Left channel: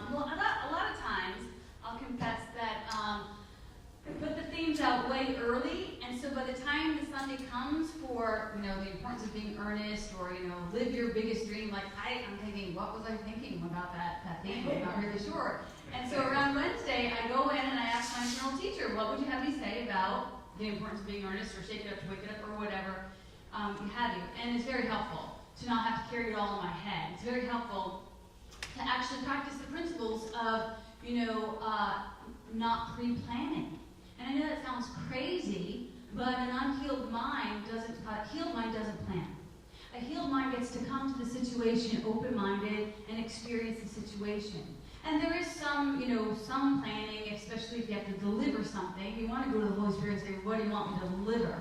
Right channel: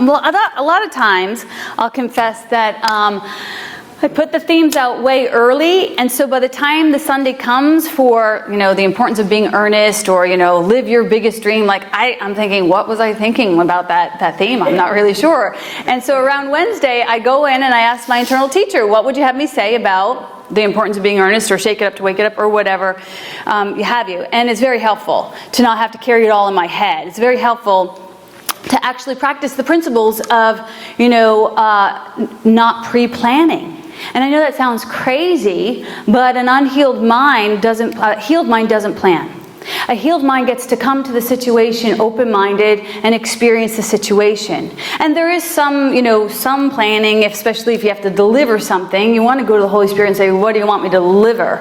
well, a lot of times, I'll confess that I put the themes out way early, and so by the time the Sunday comes for, the importance of being earnest, or, live your biggest dream, like I'm thinking, what was I thinking about that theme? I'm not really sure. And so around Wednesday, I go in and I ask my internal teacher, what would you have me say about the importance of being earnest, or shake it up to wake it up, or whatever you have you. And it's very helpful to not have to carry it all in my head. It's very helpful to actually practice the principles of, not pre-planning. And I know that sounds crazy, but an unhealed mind doesn't, healed mind doesn't plan. A healed mind gets to come to the situation open-minded and experience the situation. And there is some, some planning, especially if you have to deliver something. You want to go to the Holy Spirit and say, what do you want me to deliver?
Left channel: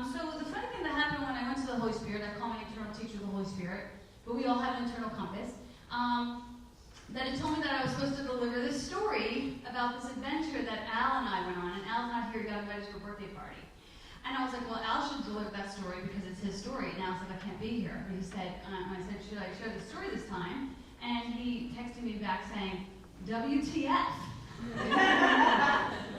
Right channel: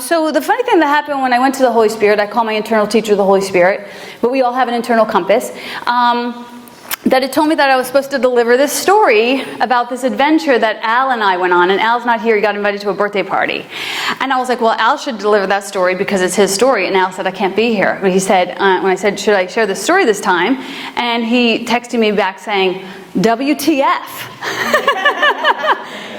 So the funny thing that happened when I went to the Holy Spirit, I call my internal teacher the Holy Spirit, but we all have an internal compass. That it told me that I was supposed to deliver this story about this adventure that Al and I went on. And Al's not here, he got invited to a birthday party. And I was like, well, Al should deliver that story because it's his story. And Al said, I can't be here. But he said, when I said, should I share this story this time? And he texted me back saying, WTF.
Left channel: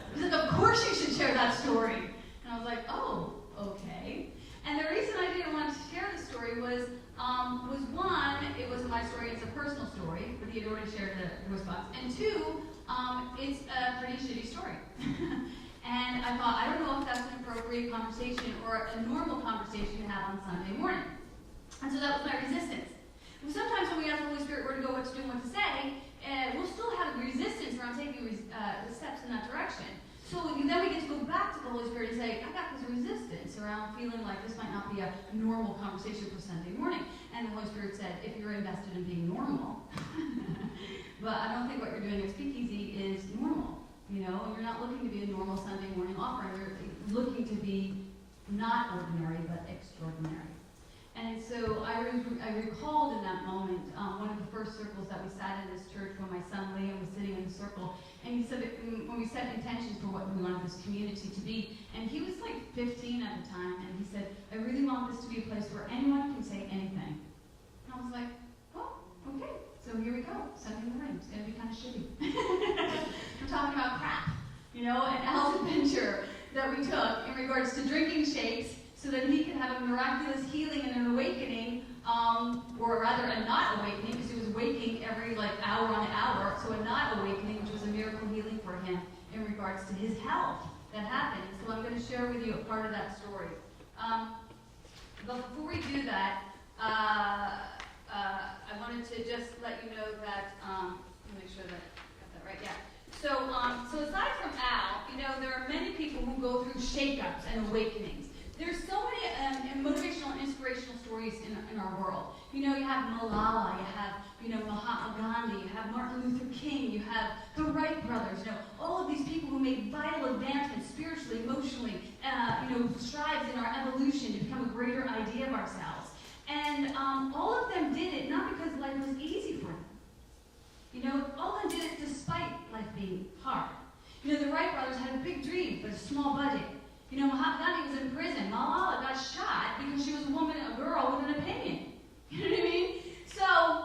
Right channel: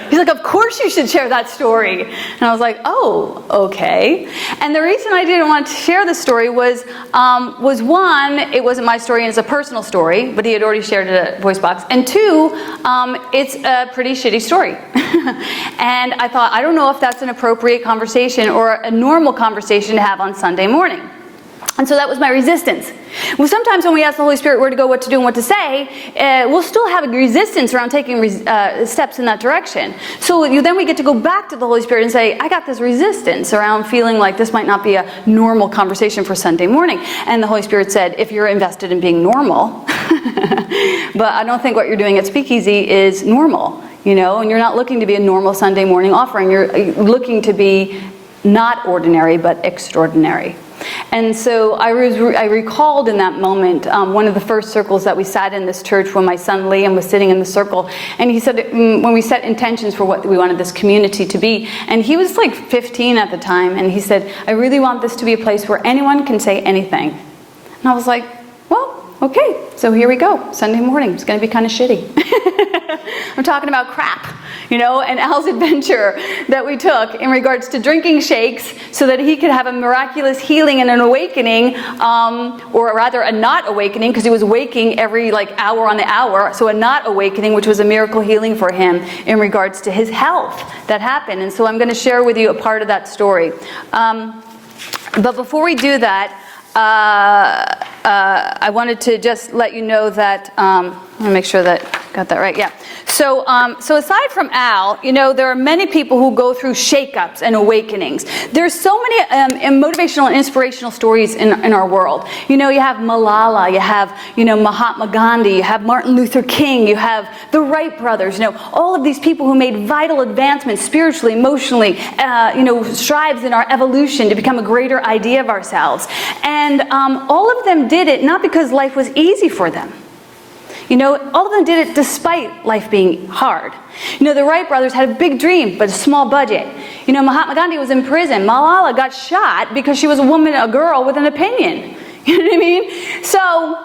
He's like, of course you should share that story. And I was like, oh, okay. And the reason I didn't want to share the story was one, it wasn't my story and it's a personal story, but he had already shared it at Voice Box. And two, it's a pretty shitty story. And I thought, I don't know if that's an appropriate conversation or a normal conversation to have on Sunday morning. And so that was my resistance. Well, sometimes when we ask the Holy Spirit where to go, what to do, and what to say, we'll still have a resistance around taking steps in that direction. So then we get to go back to the Holy Spirit and say, I got this resistance around feeling like this might not be a normal conversation for Sunday morning. And the Holy Spirit said, if you're invested in being normal, but I don't think what you're doing at Speakeasy is normal, and you're not looking to be a normal Sunday morning offering. You're looking to be not ordinary, but extraordinary. And so I recalled in that moment one of the first circles that we sat in this church when my son Liam was sitting in the circle. And he said, when we set intentions for what we wanted this community to be, and he was like 15 at the time, and he said, I really want this to be a place where anyone can say anything. And I was like, well, okay, so here we go. Sunday morning, it's going to be kind of shitty. I'm talking about crap. And Al's adventure that we took in regards to drinking shakes so that he could have a miraculous healing and an awakening, or rather a not awakening, because he was waking every hour on the hour, so a not awakening, which was a miracle healing for him in regards to his health that happened. And so I'm going to share with you a part of that story. But before we do that, I wanted to just let you know that, let me make sure that I got that right, yeah. So aside from Al, there are many people who go through shakeups and awakenings. There's so many motivational and inspirational stories in our world. You have Malala, you have, Mahatma Gandhi, you have Martin Luther King, you have the Wright brothers, all of these people who made vital advancements spiritually, emotionally, strides in our evolution to become a greater idea of ourselves. And all of them did it not because life was easy for them. All of them did it despite life being hard. The Wright brothers had a big dream, but a small budget. Mahatma Gandhi was in prison. Malala got shot because she was a girl with an opinion. You know what I mean? So,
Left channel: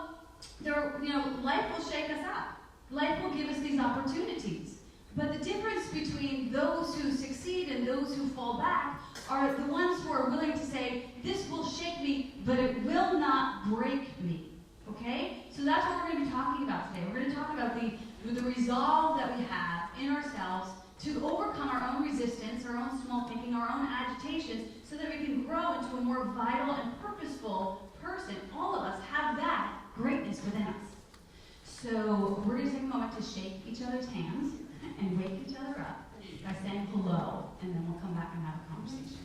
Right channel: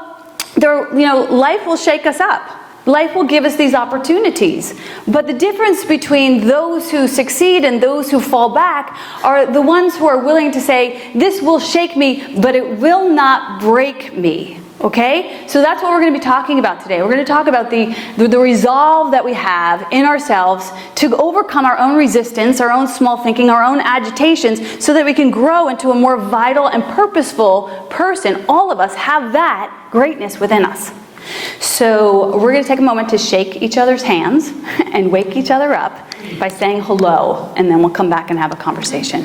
life will shake us up. Life will give us these opportunities. But the difference between those who succeed and those who fall back are the ones who are willing to say, this will shake me, but it will not break me. Okay? So that's what we're going to be talking about today. We're going to talk about the resolve that we have in ourselves to overcome our own resistance, our own small thinking, our own agitations, so that we can grow into a more vital and purposeful person. All of us have that greatness within us. So we're going to take a moment to shake each other's hands and wake each other up by saying hello, and then we'll come back and have a conversation.